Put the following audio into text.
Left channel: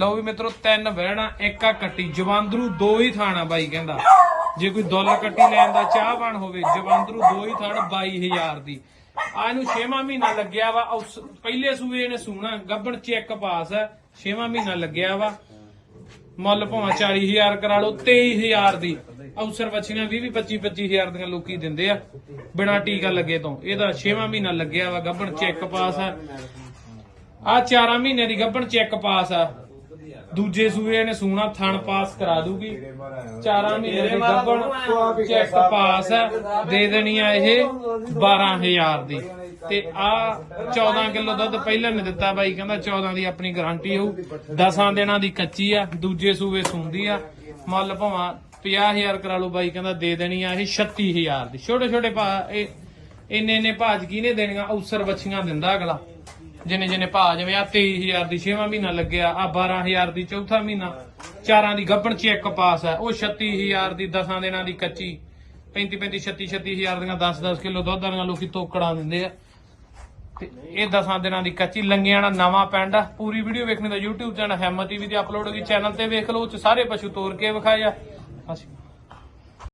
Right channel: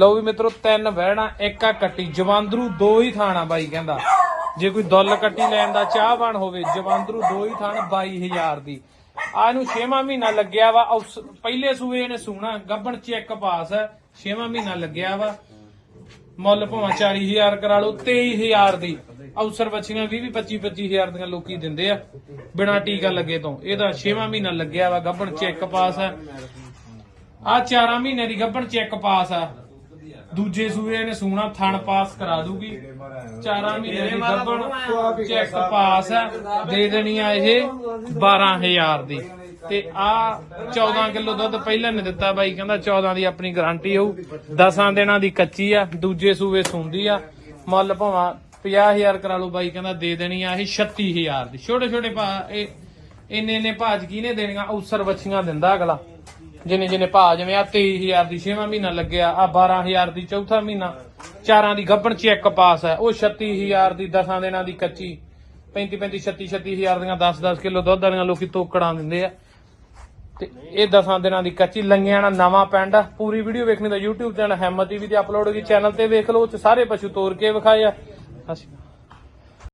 ਲਓ ਵੀ ਮਿੱਤਰੋ, ਤਿੰਨ ਬਹਿਣਾ ਇੱਕ ਆ ਕੱਟੀ। ਜਵਾਂਦਰੂ ਦੋ ਹੀ ਥਾਣਾ ਬਾਈ ਕਹਿੰਦਾ। ਜੇ ਕੋਈ ਦੁੱਲ ਕੱਟੀ ਲੈਣ ਦਾ ਚਾਹਵਾਨ ਹੋਵੇ, ਜਵਾਂਦਰੂ ਦੋ ਹੀ ਥਾਣ 22000 ਦੀ। ਆ ਨੂੰ 6ਵਾਂ ਮਹੀਨਾ ਲੱਗਿਆ ਵਾ। ਉਸ ਪਹਿਲੇ ਸੂਏ ਇਹਨੇ ਸੂਣਾ। ਗੱਬਣ ਚੈੱਕ ਪਾਸ 6ਵਾਂ ਮਹੀਨਾ ਲੱਗਿਆ ਵਾ। ਮੁੱਲ ਭਾਵੇਂ 40000 ਕਰਾ ਲਓ 23000 ਦੀ। ਅਵਸਰ ਬੱਚੀਆਂ 20 25 25000 ਦੀਆਂ ਲੋਕੀ ਦਿੰਦੇ ਆ। ਬਿਨਾ ਟੀਕਾ ਲੱਗੇ ਤੋਂ। ਇਹਦਾ 6ਵਾਂ ਮਹੀਨਾ ਲੱਗਿਆ ਵਾ। ਗੱਬਣ ਚੈੱਕ ਪਾਸ ਹੈ ਆ 4 ਮਹੀਨੇ ਦੀ ਗੱਬਣ ਚੈੱਕ ਪਾਸ ਆ। ਦੂਜੇ ਸੂਏ ਨੇ ਸੂਣਾ ਥਣ ਪਾਸ ਕਰਾ ਦੂਗੀ। 4 ਮਹੀਨੇ ਦੀ ਗੱਬਣ ਚੈੱਕ ਪਾਸ ਆ ਦੇ ਦੇਣੀ ਆ ਇਹ 12000 ਦੀ। ਤੇ ਆ 14 ਕਿਲੋ ਦੁੱਧ ਪਹਿਲਾਂ ਨੇ ਦਿੱਤਾ ਬਾਈ, ਕਹਿੰਦਾ 14 ਦੀ ਆਪਣੀ ਗਾਰੰਟੀ ਹੋਊ। 10 ਦਿਨਾਂ ਦੀ ਕੱਚੀ ਆ, ਦੂਜੇ ਸੂਏ ਸੁੰਦੀ ਆ। ਮੁੱਲ ਭਾਵਾਂ 50000 ਕਰਾ ਲਓ ਬਾਈ, ਕਹਿੰਦਾ ਦੇ ਦੇਣੀ ਆ ਇਹ 36000 ਦੀ। ਛੋਟੇ ਛੋਟੇ ਭਾ, ਇਹ ਇੰਨੇ ਇੰਨੇ ਭਾਜ ਕਿਹਨੇ ਦੇਣੀਆਂ? ਅਵਸਰ ਬੱਚੀਆਂ ਦਿੰਦਾ ਅਗਲਾ। ਜਿੰਨੇ ਜਿੰਨੇ ਭਾ ਜਿਵੇਂ ਆ 23000 ਦੀ 6ਵਾਂ ਮਹੀਨਾ ਲੱਗਿਆ, ਆ 12000 ਦੀ ਚੌਥਾ ਮਹੀਨਾ। ਚਾਰਾਂ ਦੀ ਗੱਬਣ ਚੈੱਕ ਪਾਸ ਹੈ ਉਹ 36000 ਦੀ 10 ਦਿਨਾਂ ਦੀ ਕੱਚੀ। 35 35 36 36000 ਦੀਆਂ 10 10 ਕਿਲੋ ਦੁੱਧ ਵਾਲੀਆਂ ਲੋਕੀ ਤੋਕੜਾਂ ਦਿੰਦੇ ਆ। ਤੇ ਇਹ 10 ਦਿਨਾਂ ਦੀ ਕੱਚੀ, ਲੰਗਿਆਂ ਨਾਲ ਨਵਾਂ ਪਿੰਡ ਆ। ਪੂਰੀ ਵੀਡੀਓ ਵੇਖਣੀ ਤਾਂ YouTube ਚੈਨਲ ਹੈਮਾ ਟੀਵੀ ਤੇ ਅਪਲੋਡ ਹੋਈ ਚੈਨਲ ਤੇ ਵੇਖ ਲਓ, ਉਹ ਚ ਸਾਰੇ ਪਸ਼ੂ ਤੋਰ ਕੇ ਵਿਖਾਏ ਆ।